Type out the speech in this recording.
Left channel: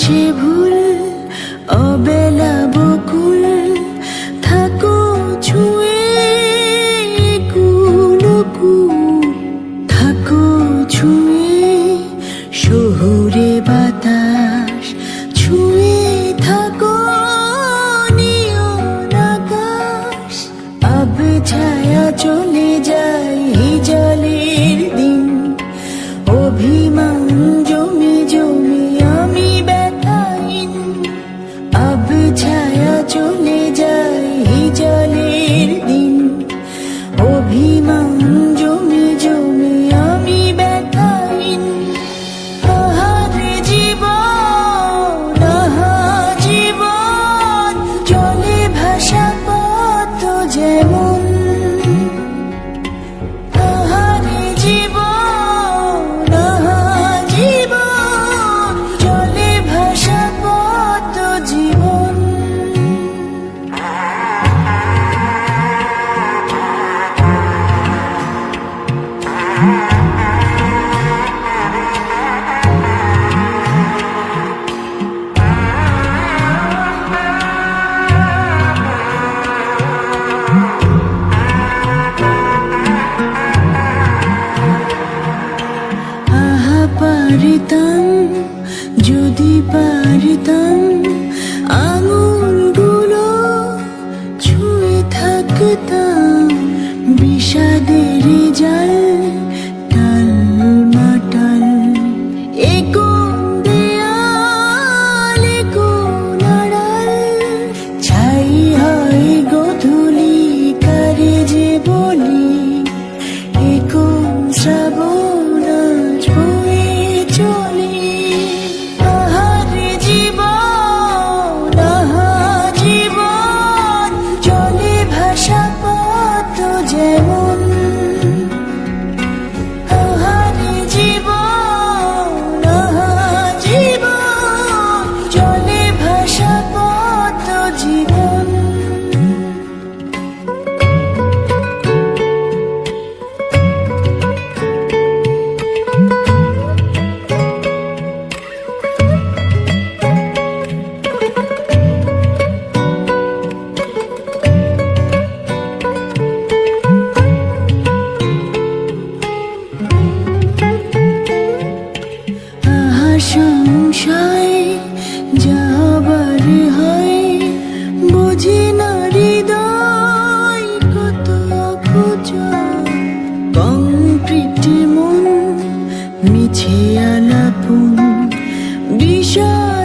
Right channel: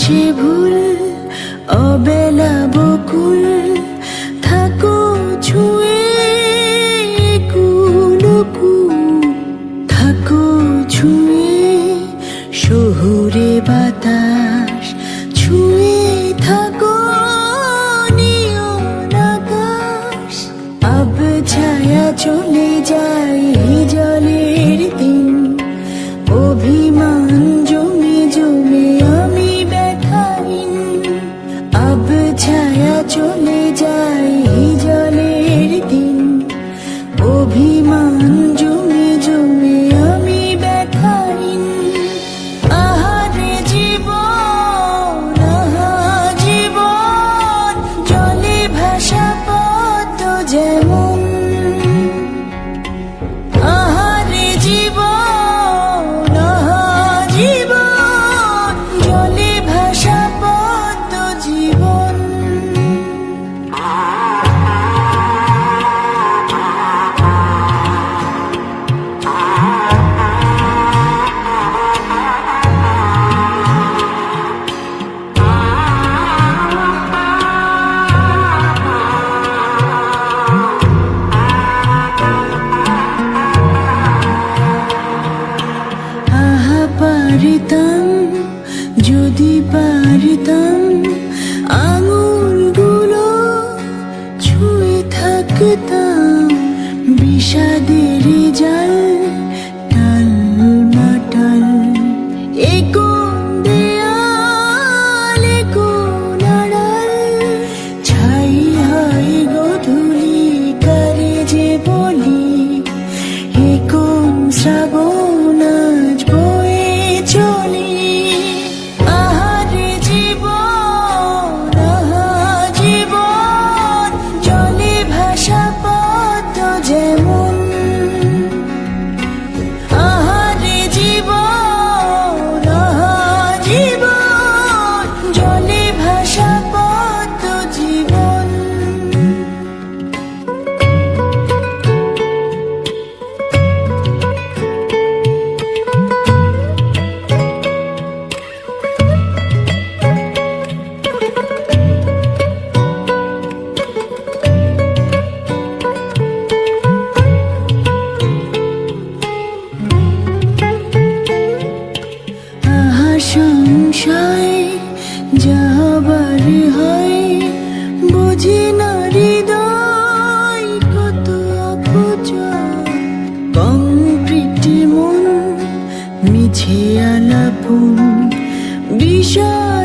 সে ভুল অবেলা বকুল থাকো ছুঁয়ে কুলকু থাকো ছুঁয়ে শহুরে বাতাস ছুঁয়ে থাকো নিয়ন আকাশ আব ছায়া চলে যায় জলের দিন অভিমান জমে জমে আমি ব্যথাহীন আব ছায়া চলে যায় জলের দিন অভিমান জমে জমে আমি ব্যথাহীন আহারে জীবন আহা জীবন জলে ভাসা পথ যেমন আহারে জীবন আহা জীবন জলে ভাসা পথ জীবন পারিতাম যদি পারিতাম আঙুলগুলো ছুঁয়ে থাকতাম বিষাদের জাল টাল মাটাল এ কোন দেয়াল এ কোন আড়াল ছাই হাই গধূলি কারে যে বলি এ কোন শ্রাবণ সংশয় যাবার হয় বুঝি না হৃদয় কত অপচয় কংক্রিট মন মিছে আলাপন বিষয়